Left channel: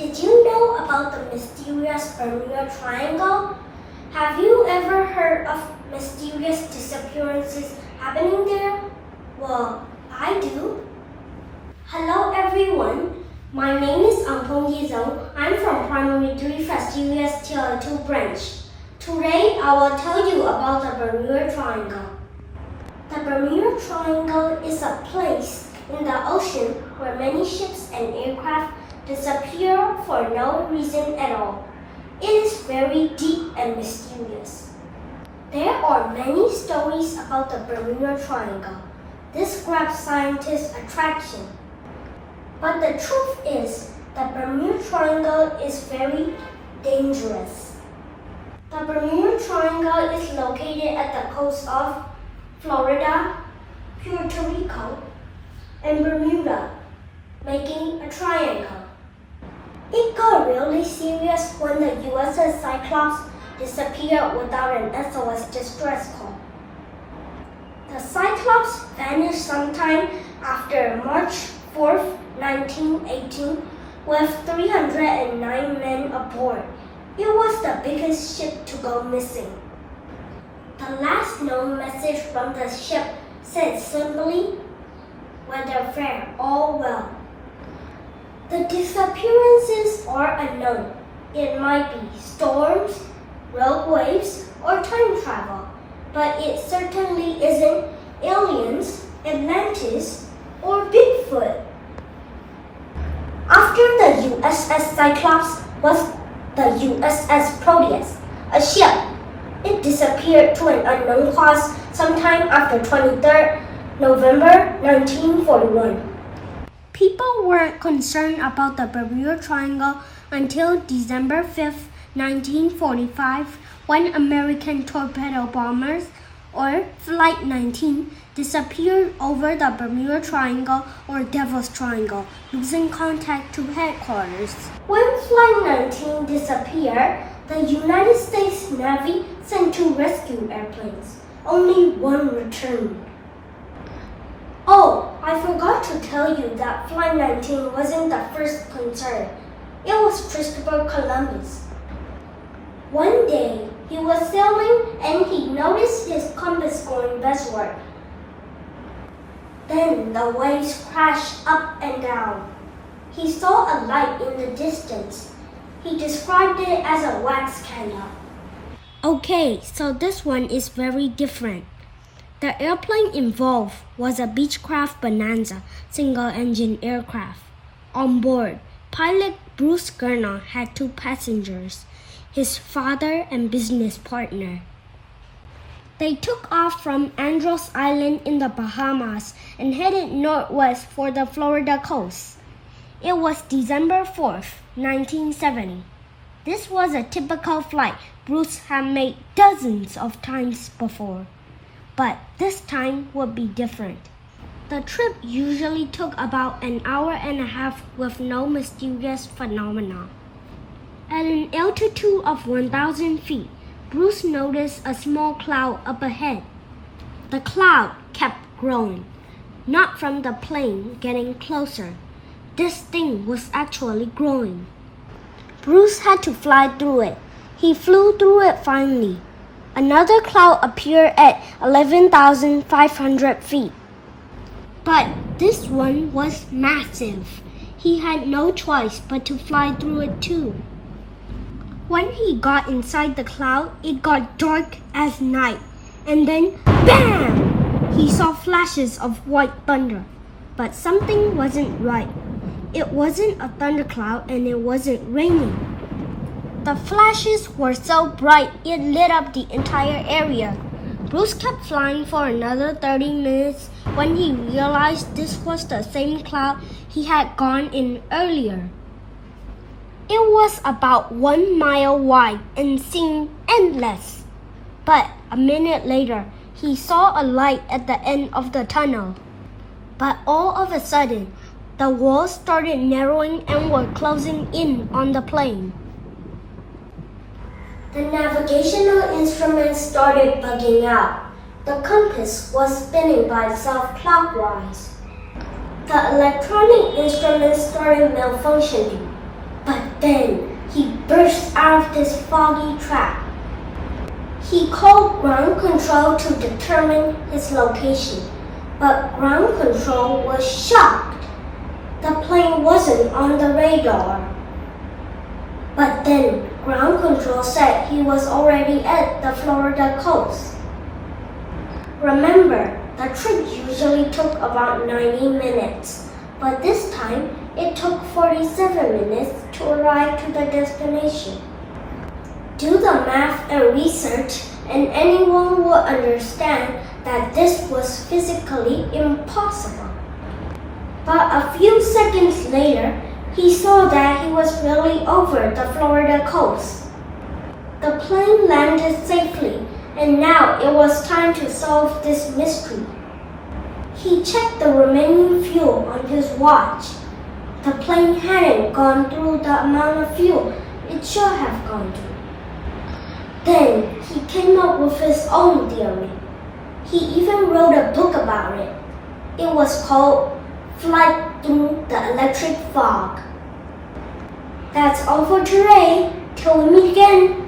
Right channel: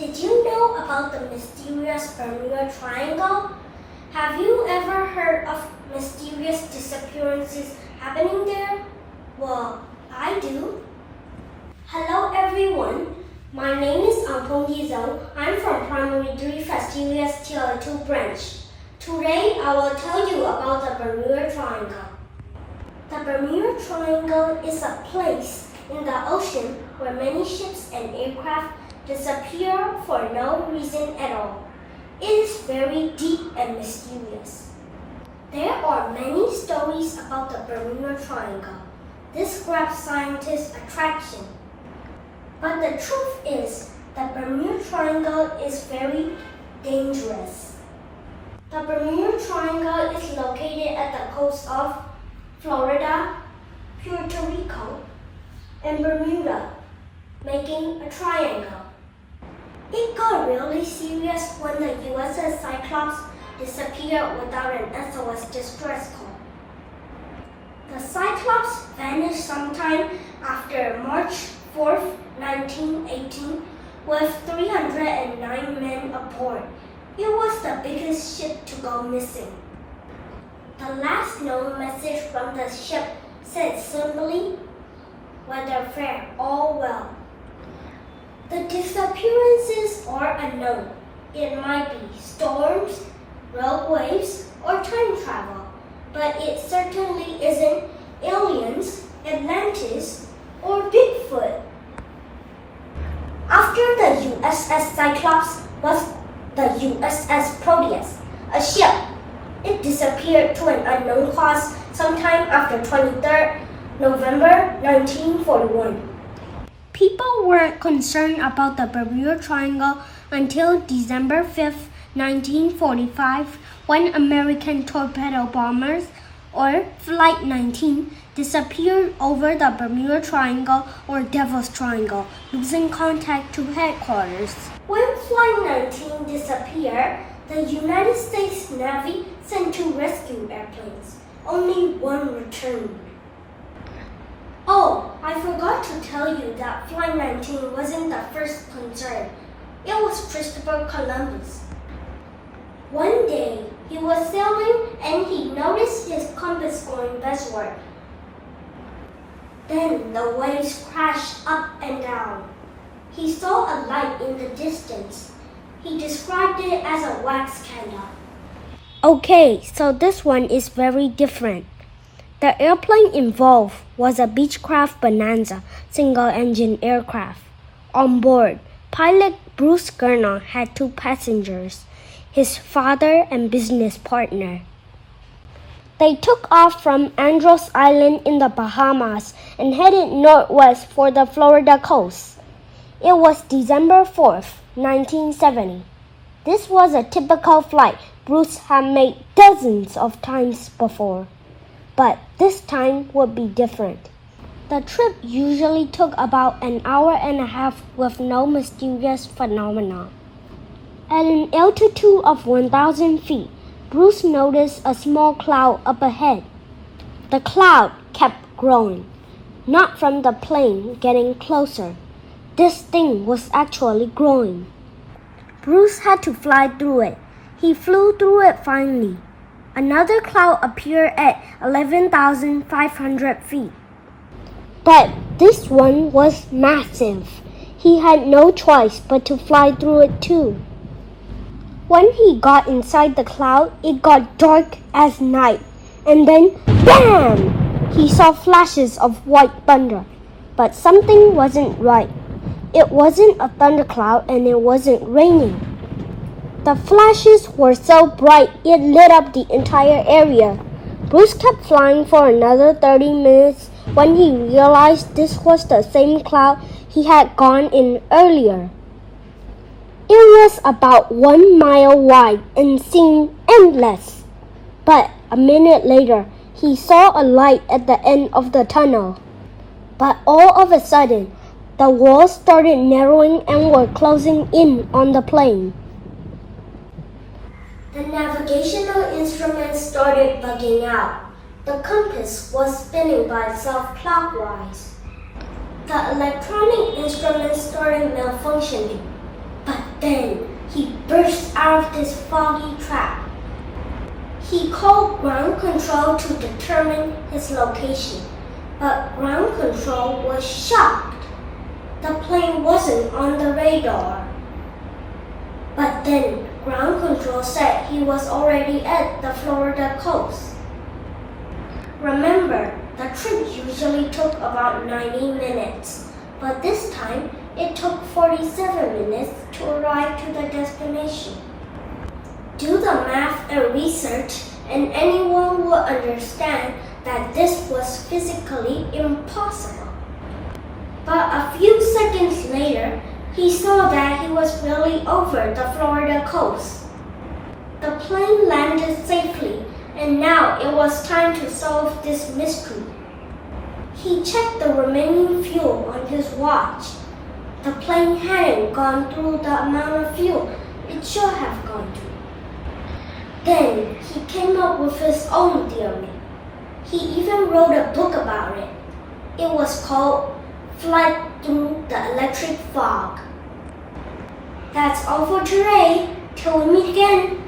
Did you know about the mysterious Bermuda Triangle? Have you ever heard of mysterious disappearances happening there? Well, I do. Hello everyone, my name is Ampong Yizong. I'm from Primary 3 Fastidious Tier 2 branch. Today I will tell you about the Bermuda Triangle. The Bermuda Triangle is a place in the ocean where many ships and aircraft disappear for no reason at all. It is very deep and mysterious. There are many stories about the Bermuda Triangle. This grabs scientists' attention. But the truth is, the Bermuda Triangle is very dangerous. The Bermuda Triangle is located at the coast of Florida, Puerto Rico, and Bermuda, making a triangle. It got really serious when the USS Cyclops disappeared without an SOS distress call. The Cyclops vanished sometime after March 4, 1918, with 309 men aboard. It was the biggest ship to go missing. The last known message from the ship said simply, "Weather fair, all well." The disappearances are unknown. It might be storms, rogue waves, or time travel, but it certainly isn't aliens, Atlantis, or Bigfoot. After the USS Cyclops was the USS Proteus, a ship. It disappeared to an unknown cause sometime after 23rd November 1941. People weren't concerned about the Bermuda Triangle until December 5, 1945, when American torpedo bombers, or Flight 19, disappeared over the Bermuda Triangle or Devil's Triangle, losing contact to headquarters. When Flight 19 disappeared, the United States Navy sent 2 rescue airplanes. Only one returned. Oh, I forgot to tell you that Flight 19 wasn't the first concern. It was Christopher Columbus. One day, he was sailing and he noticed his compass going westward. Then the waves crashed up and down. He saw a light in the distance. He described it as a wax candle. Okay, so this one is very different. The airplane involved was a Beechcraft Bonanza single-engine aircraft. On board, pilot Bruce Gerner had 2 passengers, his father and business partner. They took off from Andros Island in the Bahamas and headed northwest for the Florida coast. It was December 4th, 1970. This was a typical flight Bruce had made dozens of times before. But this time would be different. The trip usually took about an hour and a half with no mysterious phenomena. At an altitude of 1,000 feet, Bruce noticed a small cloud up ahead. The cloud kept growing, not from the plane getting closer. This thing was actually growing. Bruce had to fly through it. He flew through it finally. Another cloud appeared at 11,500 feet. But this one was massive. He had no choice but to fly through it too. When he got inside the cloud, it got dark as night. And then, BAM! He saw flashes of white thunder. But something wasn't right. It wasn't a thundercloud and it wasn't raining. The flashes were so bright it lit up the entire area. Bruce kept flying for another 30 minutes when he realized this was the same cloud he had gone in earlier. It was about 1 mile wide and seemed endless. But a minute later, he saw a light at the end of the tunnel. But all of a sudden, the walls started narrowing and were closing in on the plane. The navigational instruments started bugging out. The compass was spinning by itself clockwise. The electronic instruments started malfunctioning. But Then he burst out of this foggy trap. He called ground control to determine his location, but ground control was shocked. The plane wasn't on the radar. But then ground control said he was already at the Florida coast. Remember, the trip usually took about 90 minutes, but this time it took 47 minutes to arrive to the destination. Do the math and research, and anyone will understand that this was physically impossible. But a few seconds later, he saw that he was really over the Florida coast. The plane landed safely, and now it was time to solve this mystery. He checked the remaining fuel on his watch. The plane hadn't gone through the amount of fuel it should have gone through. Then he came up with his own theory. He even wrote a book about it. It was called Flight Through the Electric Fog. That's all for today. Till we meet again.